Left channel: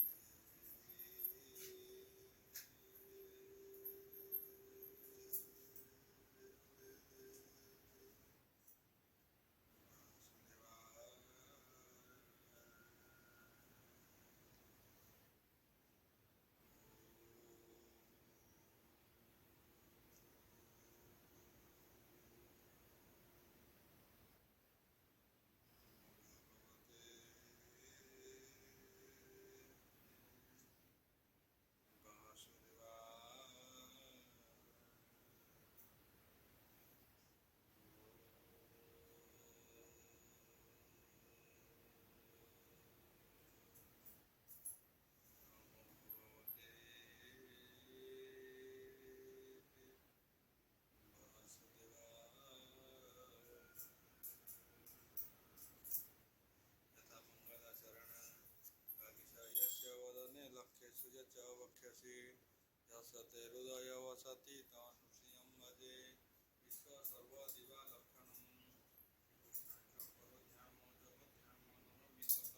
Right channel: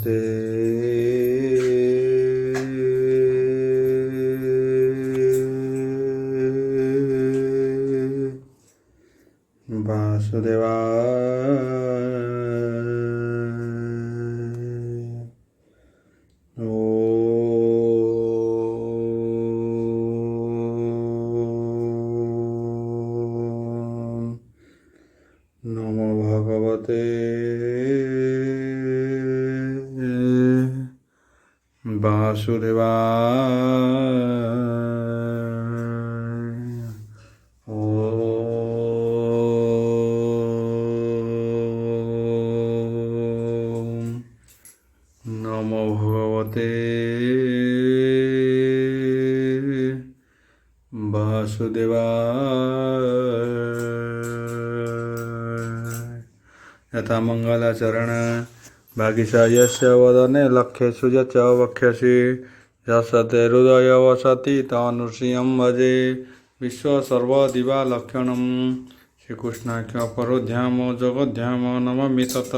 भगवते वासुदेवाय। नमो भगवते वासुदेवाय। नमो भगवते वासुदेवाय। यथा मंगलाचरण भागिशा यस्य वदने लक्ष्यसु यच्च वक्ष्यसि यस्य हृदय वसति तनुश्रियं भजे विश्वसर्वदिवा लक्षणं श्रीकृष्णाख्य परोध्याम जगद्धाम नमामि तत्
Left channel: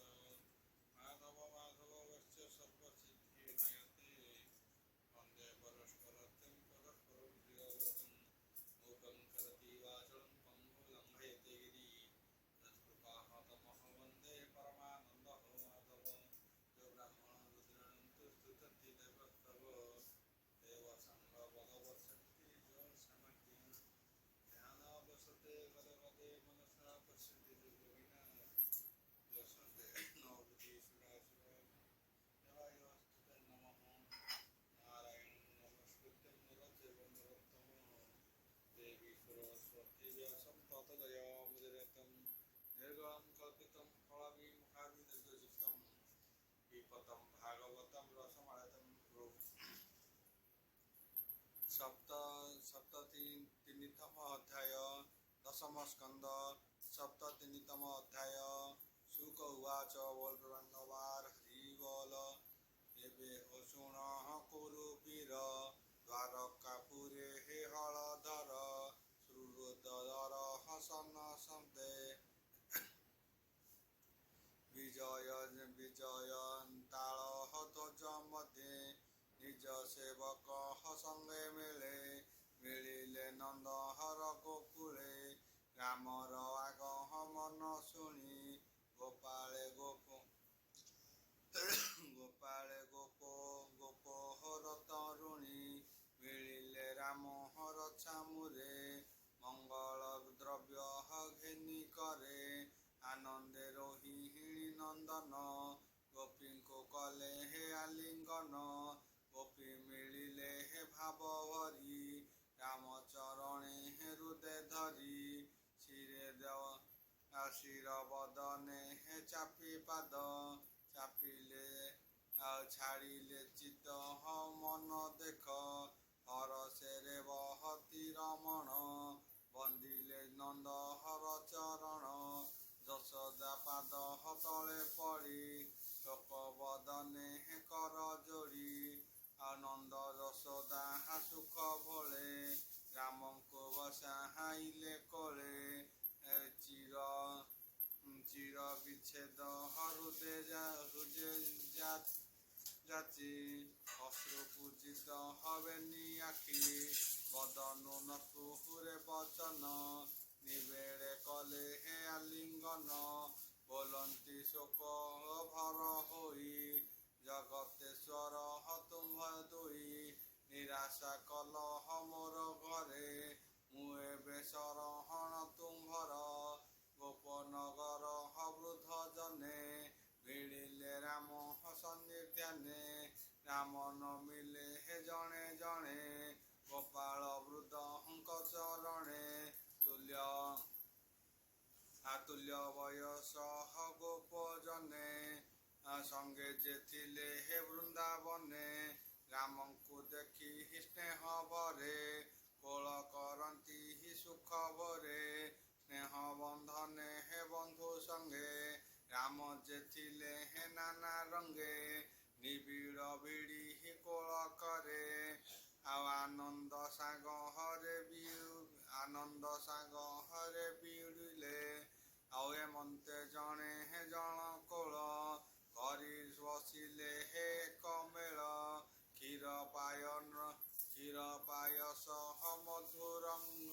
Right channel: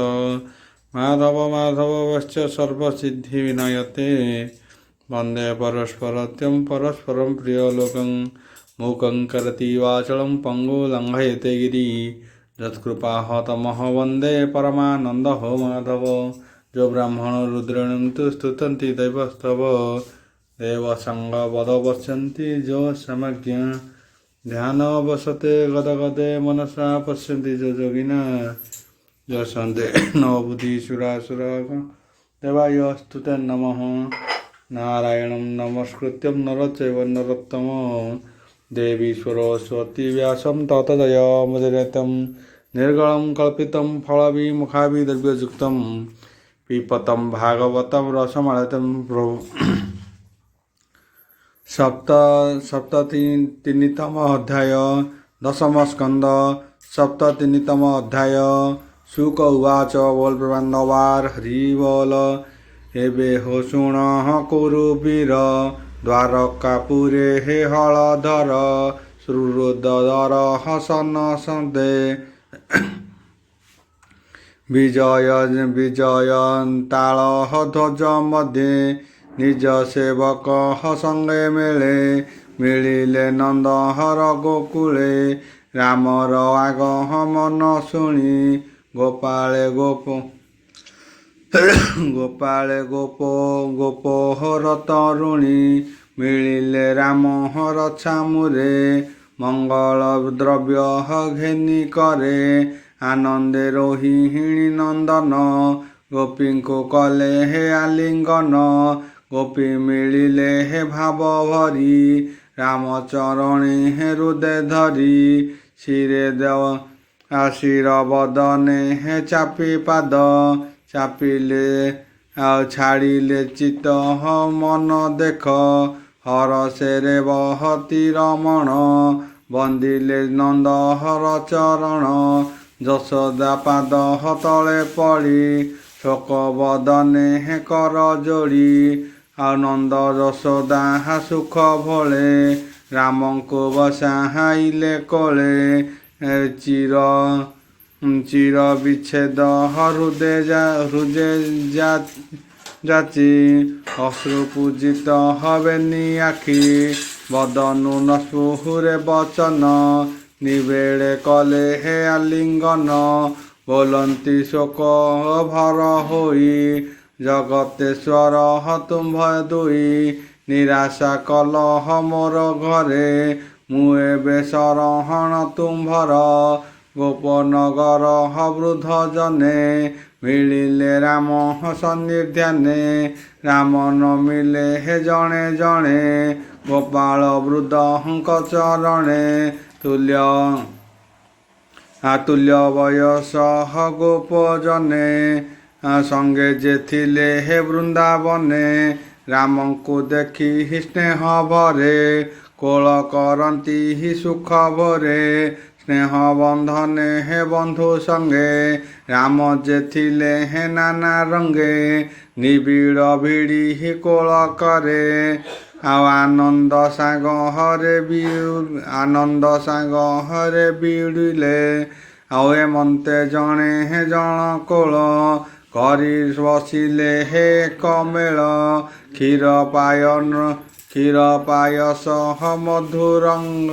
माधव माधवश्च सर्वसिद्धि विनायते वन्दे परस्परत्यं परस्परं प्रियलोकं मूकं करोति वाचालं पङ्गुं लङ्घयते गिरि यत्कृपाहतमः वन्दे परमानन्दो माधव। जो ब्राह्मण रुद्रेण तु स्तुतन्ति दैवस्तव देवसङ्गवदवस्यन्ति जो समज्ञ ध्यानवसते गदगदे मनसा पश्यन्ति जो योगिना जो सन्देह बुद्धिसुरासुरा देवायस्तुते नमः। नारायणं नमस्कृत्यं नरचैव नरोत्तमं देवी सरस्वती व्यासं ततो जयमुदीरयं निर्गलं कल्पितं फलविमुखाभिद्रव्ययुक्तं पिबतं भागवतं रसमालयं प्रभु। सप्ततिनितम अध्याय दशम स्कंद सप्ततिनितम अध्याय। शुक उवाच बोल प्रबंधवार हरि बोल एबे हो शुण कुरुवीर द्वारकापुरे हे हलधर श्रुरुदर हसन सन्दे विजयन्ताल ध्वज मध्ये निज सेवक संगे मेले मिलिले नंदहर गोकुले रामर आगमन शुणी गोपाले गोपोहर तरुणी मिलिले रामहर छामुरे मंगल द्रव्य घेनी करे आनंदे रोहिणी नंदन गोपी को कले हे आलिंगन गोपी मिलिले हे भाव भरी रामचरणी हे हृदय धरी शिरे देव आशिर बदने हे चापी पाद चापिले छाड़िले चित मन देख हर सेरे बहती रमण बंदिले नंद हर चरण यशोदा पाद तले पड़ी शोक बदने हे कर जोड़ी आनंद यशोदा सुख भोले राम को बसाइले कोले चिर विच्छेद हृदय जाची अश्रु पूजित हवेनी आखि बदनु नस्पुहुरे वचन निवेड़े कले हे आलिंगन बोलंती शोक भर होई जगतेश्वर तुम दुई निराशा कलह मोर घरे मुए शरण तुम्भर गोपनगर वृद्ध जने मिलिले राम सन्निध्याने राम न मिले हे जणे जणे गोपाल वृद्धଙ୍କ चरणे तुल्य वयस गोप जने संगे जे थिले हे वृंदावने राम को देखी स्नेह भरे कोल करती ही सुख भरे स्नेह बंधने हे बंधु संगे राम जे थिले हे नाना रंगे निबिड़ भिड़ी ही कोल करे आनंद साग हरे बिड़िले आए मन्ते जणे हे जण कोल କରି ବସିଲେ ହେ କମେଳ କ୍ଷୀର ପାୟସ ମଧୁର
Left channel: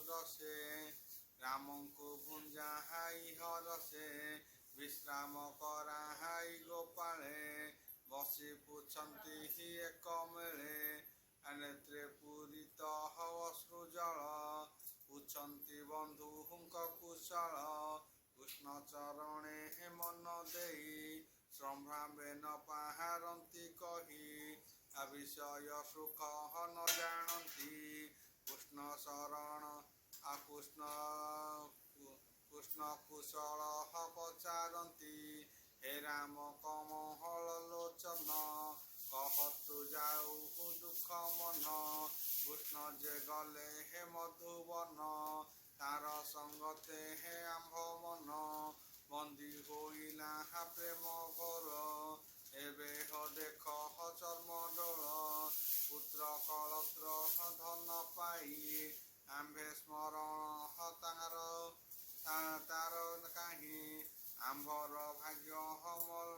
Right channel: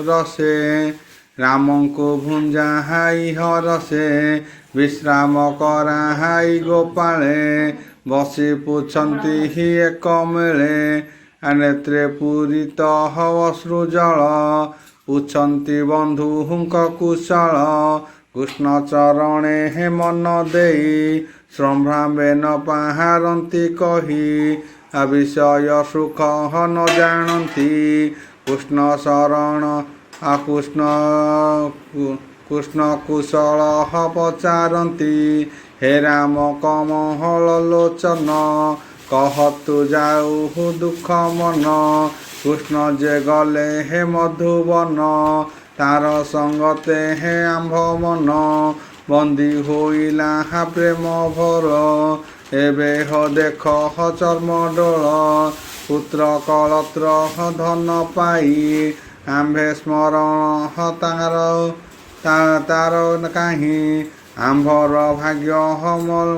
ରସେ ରାମଙ୍କୁ ଭୁଞ୍ଜାହାଇ ହରସେ ବିଶ୍ରାମ କରାହାଇ ଗୋପାଳେ ବସି ପୁଛନ୍ତି ହି ଏକ ମେଳେ ନେତ୍ରେ ପୂରିତ ଅଶ୍ରୁ ଜଳ ପୁଛନ୍ତି ବନ୍ଧୁଙ୍କ କୁଶଳ କୃଷ୍ଣ ଚରଣେ ହେ ମନ ଦେଇ ସମ୍ଭ୍ରାମେ ନ ପାହାରନ୍ତି କହି ବିଷୟ ସୁଖ ନ ଜାଣନ୍ତି କୃଷ୍ଣ ଶରଣ କୃଷ୍ଣ କୁଶଳ ପଚାରନ୍ତି ହେ ରାମ କମହଳ ଲୋଚନ କହତୁ ଯାଉ ଦୁଃଖ ମନ କୃଷ୍ଣ ଯେ ଗଲେ ହେ ମଧୁବନ ତାର ସଙ୍ଗତେ ହେ ଆମ୍ଭ ମନ ବନ୍ଦୀ ହୋଇଲା ପ୍ରେମ ଭର ଏବେ ଦେଖ ଚର୍ମ ଡୋଳ ପୁତ୍ର କଳତ୍ର ଧନ ପାଇ ଆମ୍ଭେ ସ୍ମରଣ ତାର କାହିଁ ଆମ୍ଭର ଭାଗ୍ୟ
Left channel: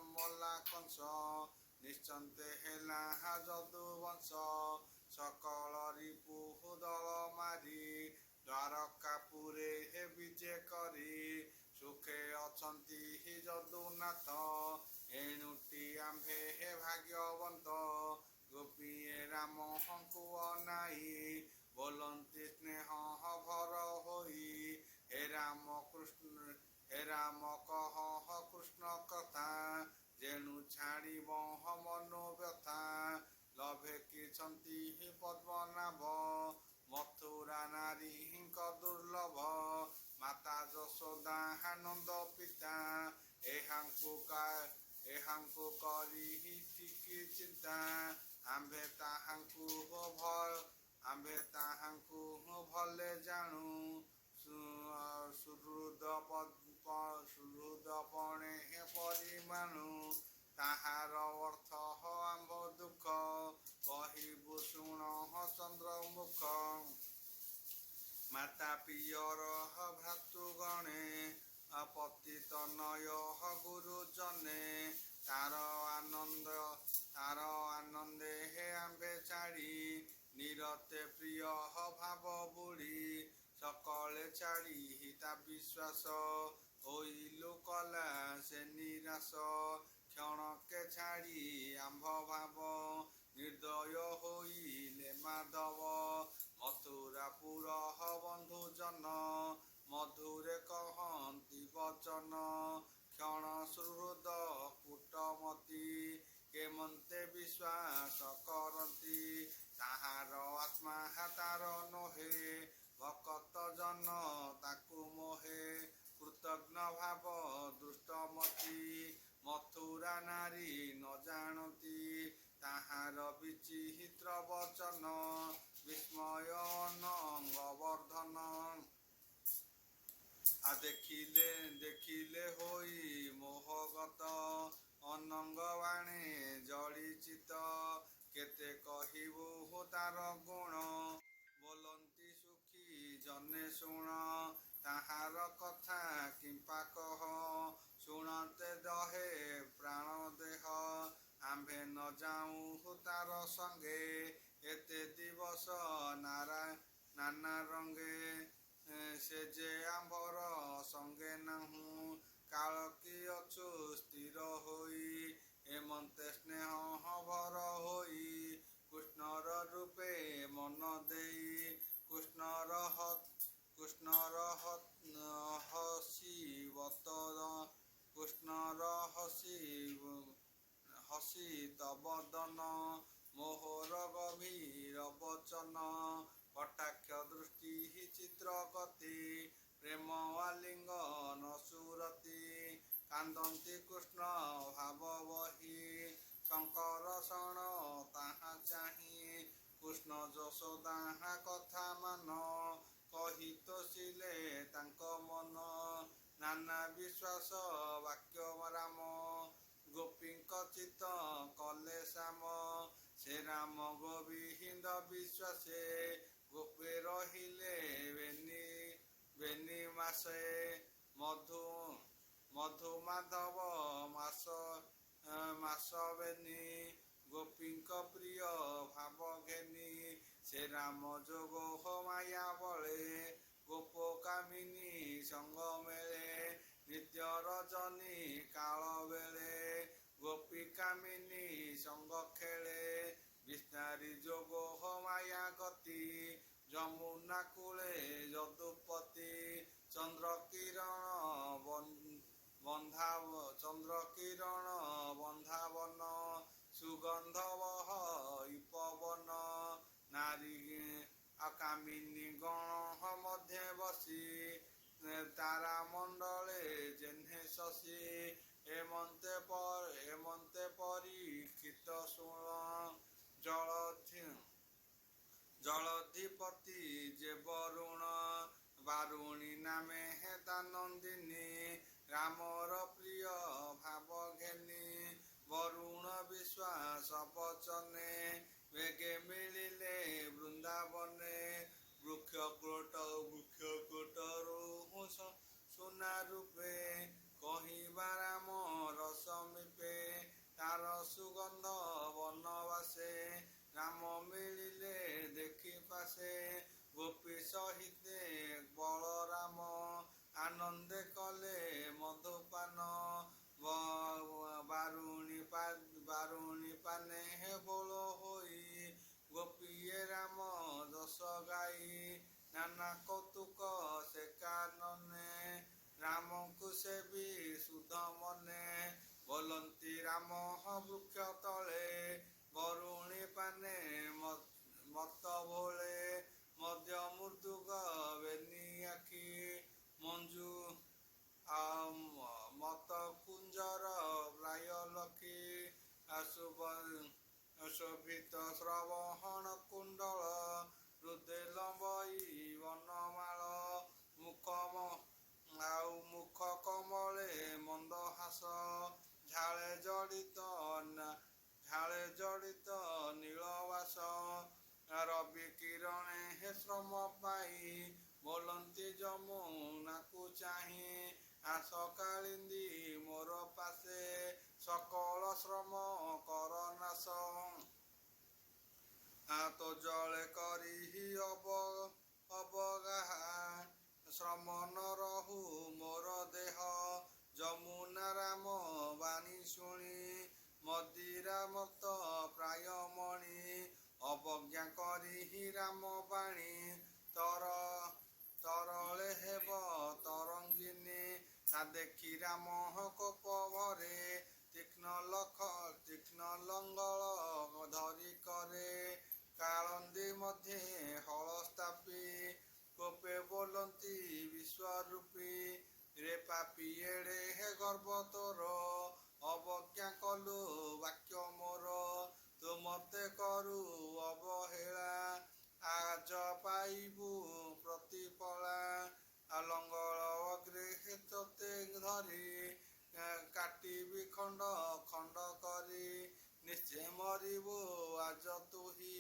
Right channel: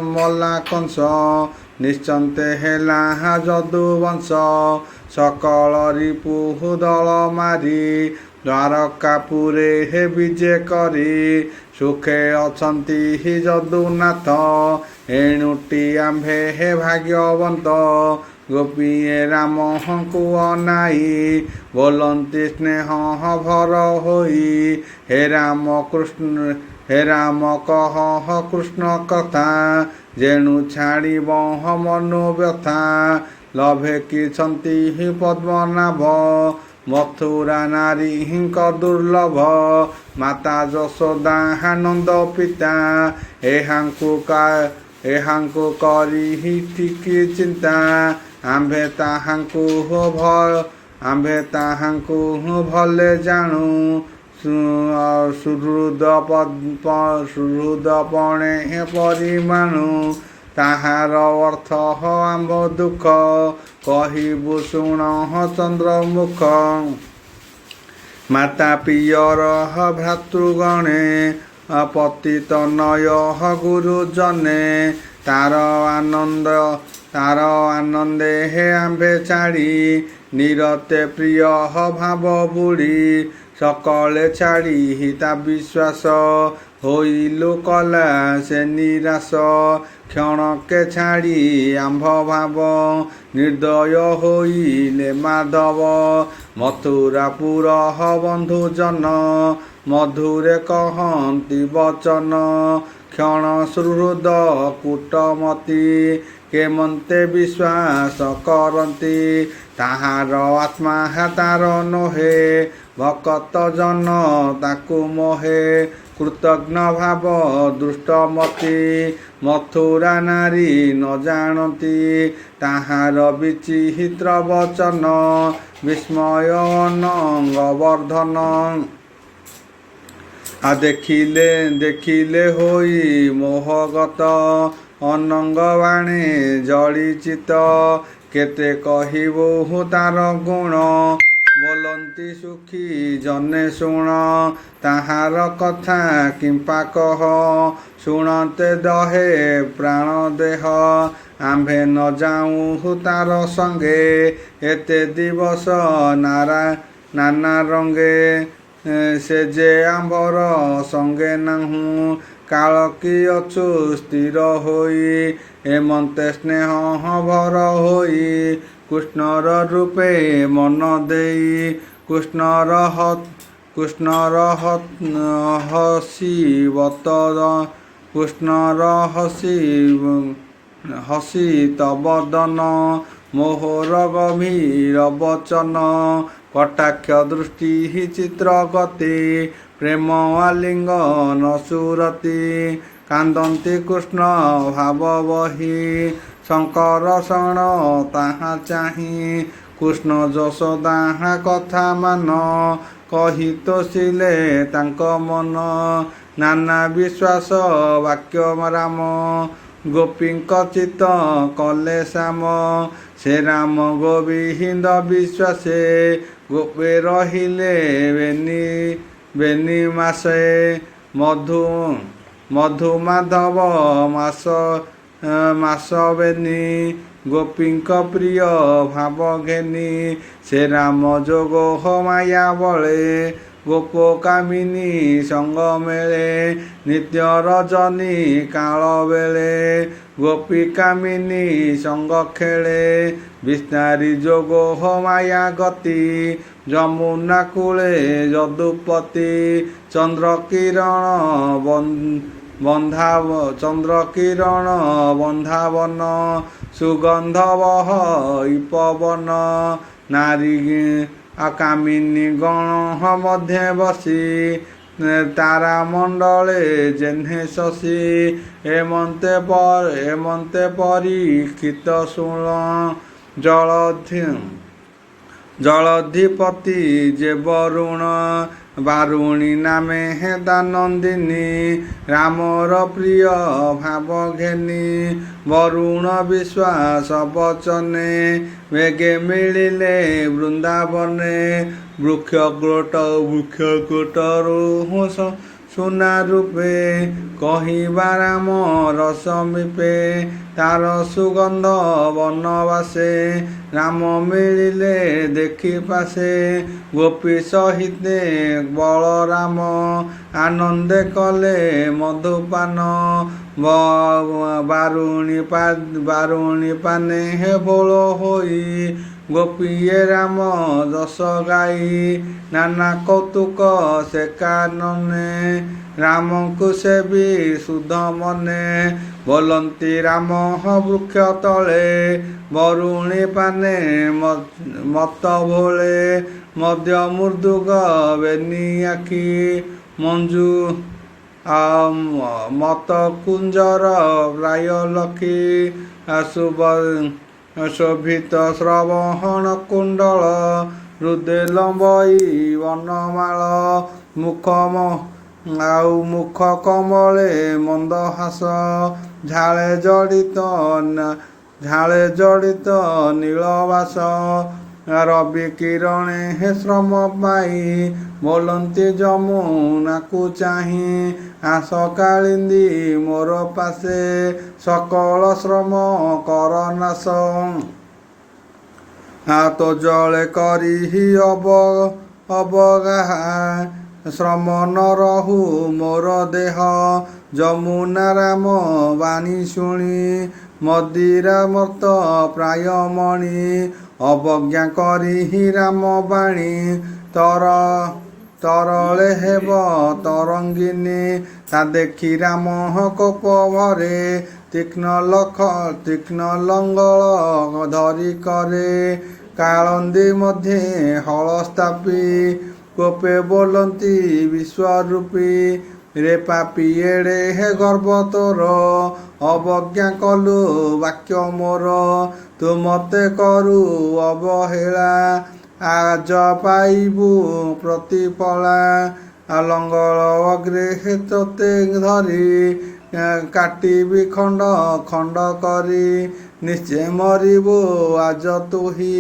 ମଲା କଂସ ନିଶ୍ଚନ୍ତେ ହେଲା ଯଦୁବଂଶ ସକଳ ରିପୁ ଦଳ ମାରି ଦ୍ୱାରକାପୁରେ ହେ ବିଜେ କରି ସୁଖେ ଅଛନ୍ତି ହି ଯଦୁନାଥ ଏଣୁଟି ଆମ୍ଭେ ହେ ଭାଗ୍ୟବନ୍ତ ଗୋପୀଏ ରାମଙ୍କୁ ଅନାଇ ବୋଲନ୍ତି ସ୍ନେହ ଭର ହୋଇ ହେ ରାମ କହ କୃଷ୍ଣ କଥା ଯେଣୁ ଛାଡ଼ିବ ମନୋବ୍ୟଥା ଲଭେ କିଛନ୍ତି ହି ପଦ୍ମନାଭ ମଥୁରା ନାରୀଙ୍କ ଦୁର୍ଲଭ ମାତା ଯଶୋଦା ନନ୍ଦ ପିତା ଏହାଙ୍କୁ କରି ହି ଠିକି ଚିନ୍ତା ଆମ୍ଭେ ତାହାଙ୍କୁ ଭଲେ ଜାଣୁ ସୁହୃଦପଣେ ପରିମାଣୁ ତାହାର ଅର୍ଥ ଆମ୍ଭ ଦୁଃଖ କହିବୁ ଶୁଣ ଚନ୍ଦ୍ରମୁଖ ମାତା ପିୟର ଭ୍ରାତୃଗଣେ ପତିତ ନୟ ଗୁରୁଜନେ ତାର ଆନନ୍ଦେ ହେ ଆମ୍ଭେ ଛାଡ଼ି ନିରତେ ପ୍ରିୟ ଭାବ ବୁଡ଼ି ସକଳେ ଛାଡ଼ି ତା ବିଶ୍ୱାସ ହୋଇଲୁ କଲା ସେ ନିରାଶ କ୍ଷଣକେ ଛାଡ଼ି ଆମ୍ଭ ଭାବ ନିର୍ଦ୍ଦୟ ହୋଇଲେ ମାଧବ ମଥୁରାପୁର ବନ୍ଧୁଜନ ମଧୁରେ କହନ୍ତି ବଚନ କ୍ଷଣ ସୁହୃଦ କୂଟମତି କେମନ୍ତେ ବିଶ୍ୱାସ କରନ୍ତି ତାହାର ଆତ୍ମା ତାର ନୋହେ ଭକତ ଜନ ତାକୁ ମୋହେ କୃତଜ୍ଞ ଭାବ ଦୃଷ୍ଟମତି ମଥୁରା ନାରୀ ନ ଜାଣନ୍ତି ତାହାର ବିଚିତ୍ର ବଚନ ବିସ୍ମୟ ଅନଙ୍ଗ ବର୍ଦ୍ଧନ ଦେଖିଲେ ହୋଇ ମୋହଗତ ଅନଙ୍ଗ ବାଣେ ଜଳିଚିତ କେତେ କହିବୁ ତାର ଗୁଣ ବୋଲନ୍ତି ସୁଖୀ ଜନେ ଶୁଣ ତାହାର କଥା କିମ୍ପା କହ ଶୁଣନ୍ତେ ଦହେ ପ୍ରାଣ ଦେହ ଆମ୍ଭେ ନ ଯାଉଁ ତାର ସଙ୍ଗେ ଏତେ ଦିବସ ନାନା ରଙ୍ଗେ ସେ ଯେ ଆମ୍ଭର ସଙ୍ଗେ ନାହୁଁ କାଳ କି ଅଛୁ ସ୍ଥିର ହୋଇ ଏମନ୍ତେ ସ୍ନେହ ଭର ହୋଇ କୃଷ୍ଣର ରୂପେ ମନ ଦେଇ କୃଷ୍ଣର ହସି ତବଦନ ମୋହର ଗଭୀର ବଚନ କଟାକ୍ଷ ଦୃଷ୍ଟି ଚିତ୍ର ଗତି ପ୍ରେମ ଆଲିଙ୍ଗନ ସୁରତି କାନ୍ଦନ୍ତି କୃଷ୍ଣ ଭାବ ବହି ଶଙ୍କର ଶରଣ ତାହା ଚାହିଁ କୃଷ୍ଣ ଯଶୋଦା କଥା ମାନ କହି ତୋଷିଲେ ତାଙ୍କ ମନ ନାନା ବିଶ୍ୱାସ ବାକ୍ୟ ରାମ ଗୋପୀଙ୍କ ଚିତ କଲେ ଶ୍ୟାମ ସେ ରାମ ଗୋବିନ୍ଦ ବିଶ୍ୱାସେ ଗୋପେ ରହିଲେ ବେନି ମାସେ ମଧୁ ମାଧବ ମାସ ବେନି ଗୋପୀଙ୍କ ପ୍ରିୟ ଭାବ ଘେନି ସେ ରାମ ଯୋଗ ମାୟା ବଳେ ଗୋପ କାମିନୀ ସଙ୍ଗ ମେଳେ ନିତ୍ୟ ରଜନୀ କାଳ ବେଳେ ଗୋପୀ କାମିନୀ ସଙ୍ଗ ଖେଳେ ବିସ୍ତାରୀ ଯୋଗ ମାୟା ଗତି ଯମୁନା କୂଳେ ଯଦୁପତି ଚନ୍ଦ୍ର କିରଣ ବନ୍ଧାବନ ସୁଗନ୍ଧବହ ପବନ ନାରୀ କାମିନୀ ଗଣ ମଧ୍ୟେ ବସି ତାରା ମଣ୍ଡଳେ ଜେହ୍ନେ ଶଶୀ ଏମନ୍ତେ ପରୀକ୍ଷିତ ଶୁଣ ଜଳଧିପତି ଯେ ବରୁଣ ବାରୁଣୀ ନାମେ ହେଦାନନ୍ଦିନୀ ରାମର ପ୍ରିୟ ଭାବ ଘେନି ବରୁଣ ବିଶ୍ୱାସ ବଚନେ ବେଗେ ମିଳିଲେ ବୃନ୍ଦାବନେ ବୃକ୍ଷକୋଟରୁ ସୁନା ରୂପେ କହିବା ରାମ ରସ ମିପେ ତାର ସୁଗନ୍ଧ ବନବାସେ ରାମ ମିଳିଲେ ଦେଖି ପାଶେ ଗୋପୀ ସହିତେ ବଳରାମ ଆନନ୍ଦେ କଲେ ମଧୁପାନ ବାରୁଣୀ ପାନେ ହେ ବୋଳ ହୋଇ ଗୋପୀଏ ରାମ ଯଶ ଗାଇ ନାନା କୌତୁକ ସେ କାନନେ ରାମଙ୍କୁ ସେ ବି ସୁଧ ମନେ ବୋଲନ୍ତି ରାମ ବୃକ୍ଷ ତଳେ ବରୁଣୀ ପାନେ ମତ ଭୋଳେ ମଧ୍ୟ ମୃଦୁଗ ବେନି ଆଖି ମଞ୍ଜୁ ମତ କୁଞ୍ଜର ପ୍ରାୟ ଲକ୍ଷୀ ଶୋଭିତ ଶ୍ରବଣ କୁଣ୍ଡଳ ହୃଦେ ଲମ୍ବଇ ବନମାଳ ମୁଖ କମଳେ ମନ୍ଦହାସ ଝାଳେ ଜଡ଼ିତ ନୀଳବାସ ରବି କିରଣେ ହେ ଶ୍ରମ ପାଇ ବୋଲନ୍ତି ଯମୁନାକୁ ଚାହିଁ ଆସ କାଳିନ୍ଦୀ ମୋର ପାଶେ ସକଳ ଶ୍ରମ କର ନାଶ ହାତ ଜଳେ କରିହି ଅବଗାହା ଶ୍ରମ ନ ରହୁ ମୋର ଦେହ ଯମୁନା ରାମ ବାଣୀ ଶୁଣି ମଦିରା ମର୍ତ୍ତ ପ୍ରାୟ ମଣି ଅବଜ୍ଞା କରିହି ରାମ ବାଣୀ ତରଳେ ହେବ ତରଙ୍ଗିନୀ ତା ଦେଖି ରାମ କୋପ ଭରେ ତୀକ୍ଷ୍ଣ ଲଙ୍ଗଳ ଧରି କରେ କାଳନ୍ଦୀ ମଧ୍ୟେ ହଳ ସ୍ଥାପି କୋପେ ବୋଲନ୍ତି ବିଶ୍ୱରୂପୀ ରେ ପାପି ଏଡ଼େ ହେ ଗର୍ବ ତୋର ଅବଜ୍ଞା କଲୁ ବାକ୍ୟ ମୋର ତୁ ମତେ କରୁ ଅବହେଳା ଆଜ ପାଇବୁ ପ୍ରତିଫଳା ଲଙ୍ଗଳ ଅଗ୍ରେ ତୋତେ ଧରି କାଟିବି ଖଣ୍ଡ କରି ନିଶ୍ଚୟ ମରିବୁ ଆଜ ତୁହି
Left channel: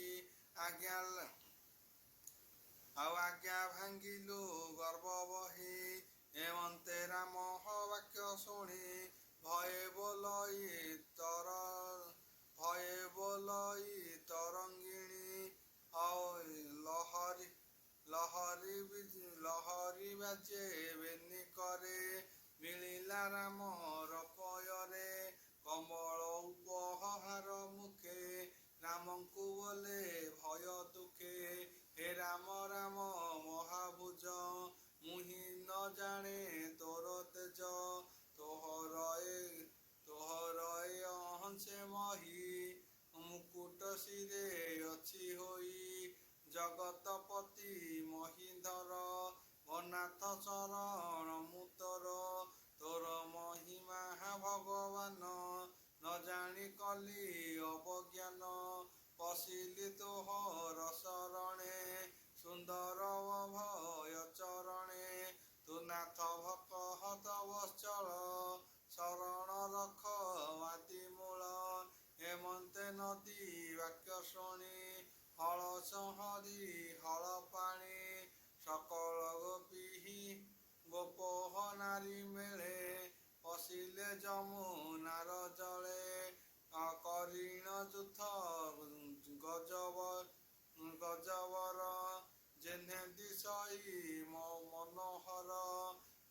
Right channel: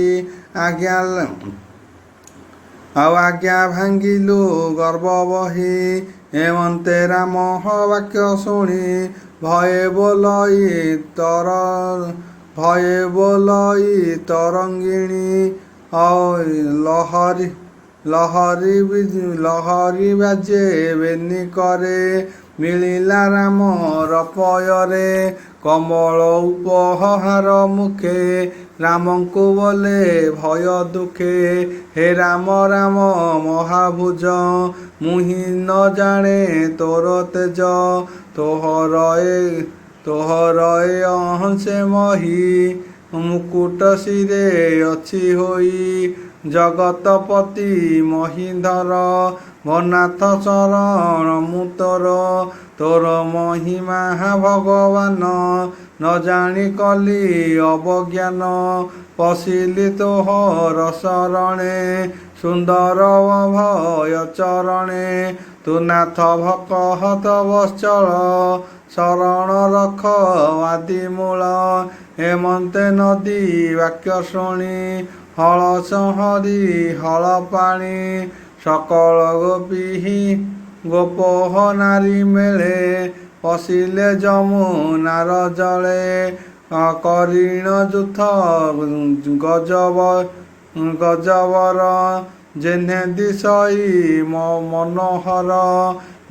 ଆଜ୍ଞା ଭାଙ୍ଗିଲୁ ଗର୍ବ ବହି ଏମନ୍ତେ ରାମ ବାକ୍ୟ ଶୁଣି ଭୟେ ବୋଲଇ ତରଙ୍ଗିଣୀ ଲହରୀ ବାଜେ ବେନି କରେ ମିଳିଲା ରାମର ପୟରେ କମଳ ଉପହାର ମୁଖେ ରାମଙ୍କୁ ବୋଲେ ଭୟ ଦୁଃଖେ ହେ ରାମ ମହାଭୁଜ ମୁହିଁ ନ ଜାଣେ ତୋର ତେଜ ତୋହର ଏ ଅହଂସେ ମହି ମୁକୁଟ ଶିରେ ଅଛି ହୋଇ ଜଗତପତି ମହିଧର ଭନାଥ ଶରଣ ମୁଁ ତୋର ମହିମା ଭଗବାନ ନ ଜାଣି କଲି ଅବଜ୍ଞାନ ପଶିଲି ତୋହର ଶରଣେ ସୁନ୍ଦର ଭୟ ଚରଣେ ତୁ ନାଥ ଭକତ ବତ୍ସଳ ଶରଣ ରଖ ଆଦିମୂଳ ହେମନ୍ତେ ନଦୀ ବାକ୍ୟ ଶୁଣି ହଳ ସଂହରି ହଳ ପାଣି ସକଳ ଗୋପୋହ ନାରୀ ମେଳେ ପଶିଲେ ଯମୁନାର ଜଳେ କରିଣ ଯୁଥ ଗଜବର ଯେହ୍ନେ ଦିଶଇ ମନୋହର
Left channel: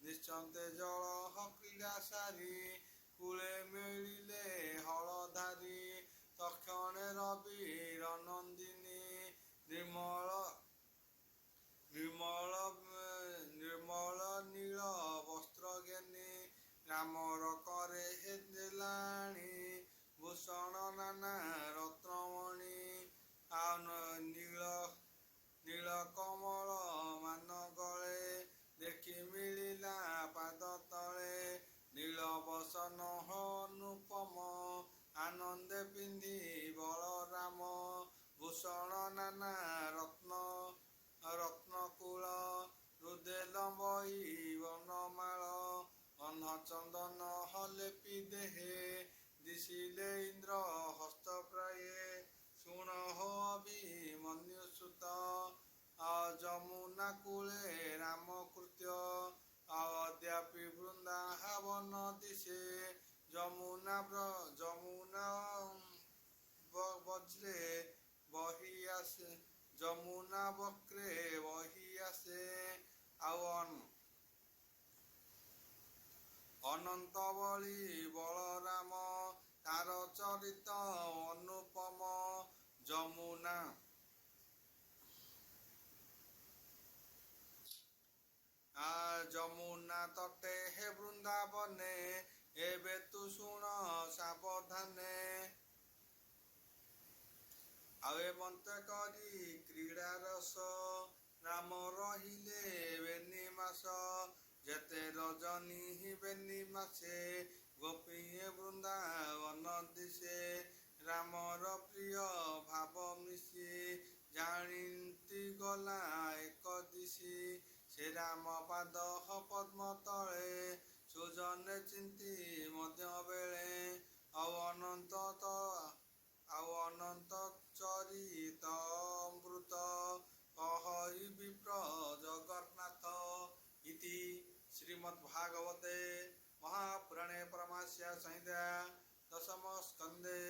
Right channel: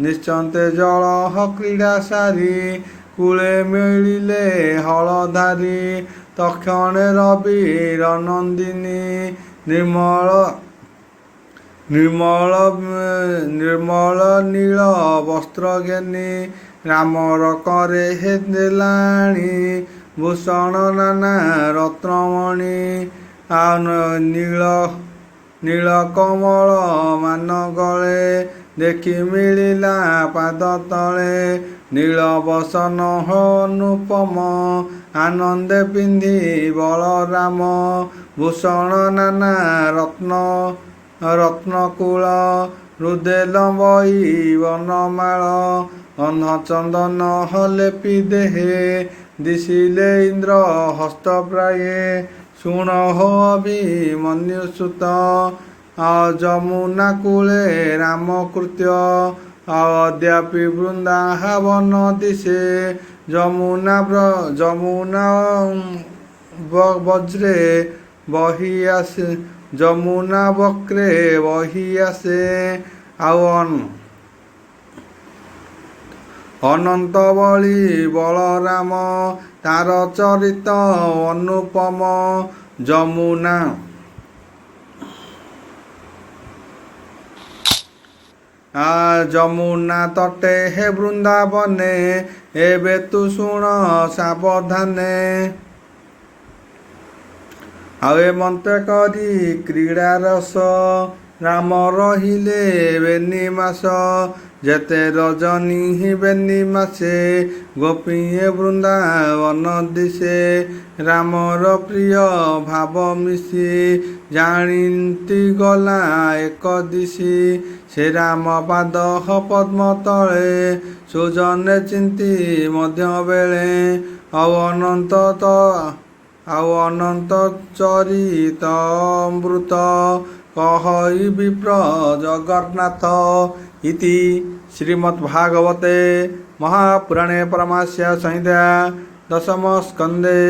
ନିଶ୍ଚନ୍ତେ ଜଳ କ୍ରୀଡ଼ା ସାରି କୂଳେ ମିଳିଲେ ହଳଧାରୀ ତକ୍ଷଣେ ରବିର ନନ୍ଦିନୀ ନିର୍ମଳ ନୀଳ ବସ୍ତ୍ର ଘେନି ରାମର କରେ ଦେଲାଣି ଭୂଷଣ ନାନା ରତ୍ନମଣି ନୀଳ କମଳ ମାନ ଗଳେ ଦେଖି ମିଳିଲା ପାଦ ତଳେ ନୀଳ ବସନ ଅନୁପମ ଆନନ୍ଦେ ପିନ୍ଧି ବଳରାମ ଭୂଷଣ ନାନା ରତ୍ନକୂଳ ହୃଦେ ଲମ୍ବଇ ବନମାଳ ଚନ୍ଦନ ଲେପି ଦେହେ ଦିଶିଲେ ଇନ୍ଦ୍ର ହସ୍ତ ପ୍ରାୟେ ଶୁଣ ହୋ ଅଭିମନ୍ୟୁ ସୁତ ଯମୁନା କୂଳେ ରାମ କୃତ୍ୟ ଅଦ୍ୟାପି ବୃନ୍ଦାବନ ଦିଶେ ଯମୁନା ବଜ୍ରେ ବହି ଆସେ ଯମୁନା ବକ୍ରେ ବହି ଆସେ ଆଉ ଅନନ୍ତ ବଳି ବଳରାମ ତାର ଚରିତ ଅନୁପମ ଯମୁନା ତଟେ ହେ ବୃନ୍ଦାବନେ ଏବେ ତୁ ଶୁଣ ସାବଧାନେ ଆଉ ଏମନ୍ତେ କରି କ୍ରୀଡ଼ା ରସ ରାମ ରହିଲେ ବେନି ମାସ ଯେତେ ରଜନୀ ବେନି ମାସେ ଗୋପୀଏ ବୃନ୍ଦାବନ ଦିଶେ ରାମର ପ୍ରିୟ ଭାବ ମିଶି ଜାଣିନ୍ତି ଗଲା ଏକ ଦିଶି ସେ ରାମ ପାଦ ପଦ୍ମ ତଳେ ସୁଜନେ ଚିନ୍ତି ମଧ୍ୟ ବେଳେ ଆଉ ଅନନ୍ତ ଚରିତ ଅମୃତ କହଇ ବିପ୍ର ଜଗନ୍ନାଥ ଇତି ଶ୍ରୀମଦ୍ଭାଗବତେ ମହାପୁରାଣେ ପରମାସ୍ୟା ସଂହିତା ଦଶମ ସ୍କନ୍ଧେ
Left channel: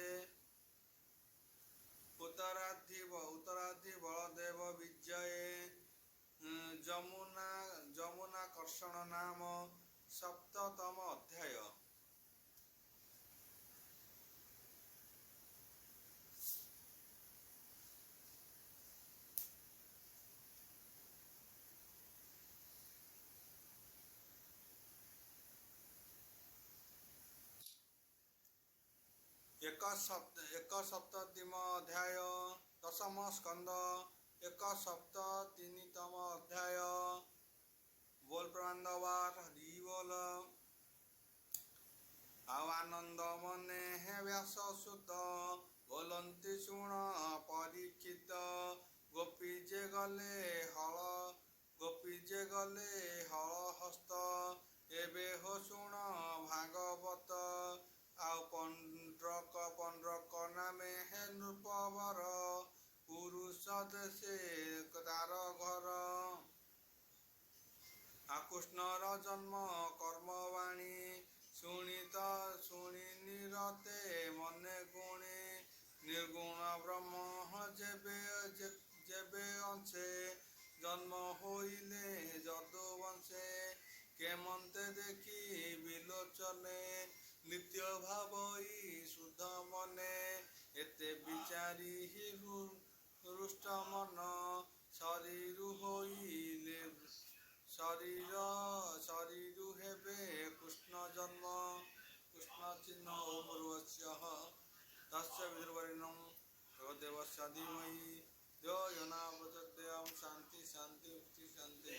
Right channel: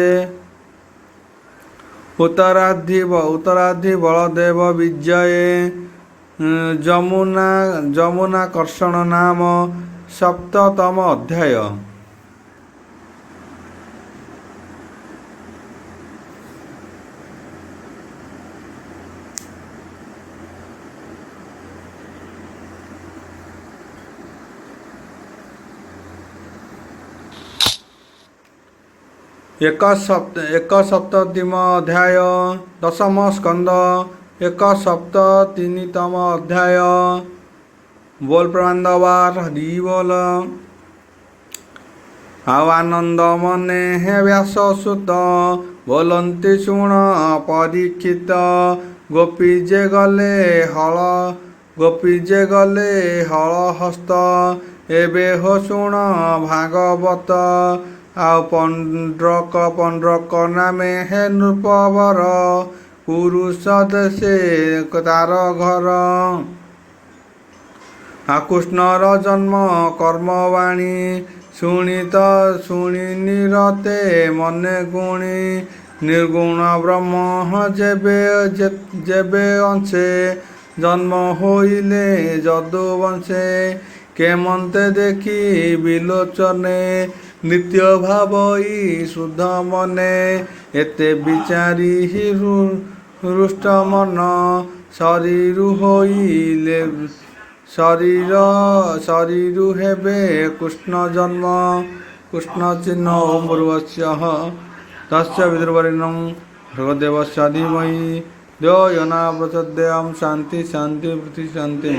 ଉତ୍ତରାଧି ବଳଦେବ ବିଜये ଯମୁନା କର୍ଷଣ ନାମ ସପ୍ତତମ ଅଧ୍ୟାୟ। ଏକ ସପ୍ତତିମ ଅଧ୍ୟାୟ ଦଶମ ସ୍କନ୍ଧ 173ତମ ଅଧ୍ୟାୟ। ବୋଲ ପ୍ରମାନ୍ଦବାର ହରି ବୋଲ। ଆଉ ଆନନ୍ଦ ମନେ ହେ ବ୍ୟାସ ସୁତ ବୋଲନ୍ତି ଶୁଣ ପରୀକ୍ଷିତ ଗୋପୀ ଯେ ଗଲେ ହଳ ହସ୍ତ ଏବେ ହୋ ଶୁଣ ଭାଗବତ ଆଉ ପଣ୍ଡ୍ରକ ନାମେ ହେ ନୃପବର ପୁରୁଷ ଦେଶେ ତାର ଘର କୃଷ୍ଣର ଜନ୍ମ କର୍ମବାଣୀ ଶୁଣି ନିରତେ ମନେ ଗୁଣି ନିର୍ଗୁଣ ବ୍ରହ୍ମ ଯେବେ ଅଂଶେ ଜନ୍ମ ହୋଇଲେ ଯଦୁ ବଂଶେ କେମନ୍ତେ ଦେଖି ବିଲୋଚନେ ନିତ୍ୟ ଭାବଇ ଶୁଦ୍ଧ ମନେ ଏତେ ବିଚାରି ହୃଷ୍ଟ ମନ ଶରୀରୁ ହେବେ କୃଷ୍ଣ ଜନ୍ମ କୃଷ୍ଣ ଚିହ୍ନ ଓಂ ଭୁର୍ଭୁବଃ ତସ୍ୟ ବିଦୁର୍ବରେଣ୍ୟଂ ଭର୍ଗୋଦେବସ୍ୟ ଧୀମହି ଧିୟୋ यो न प्रचोदयात्। शांति शांति पृथ्वी शांति।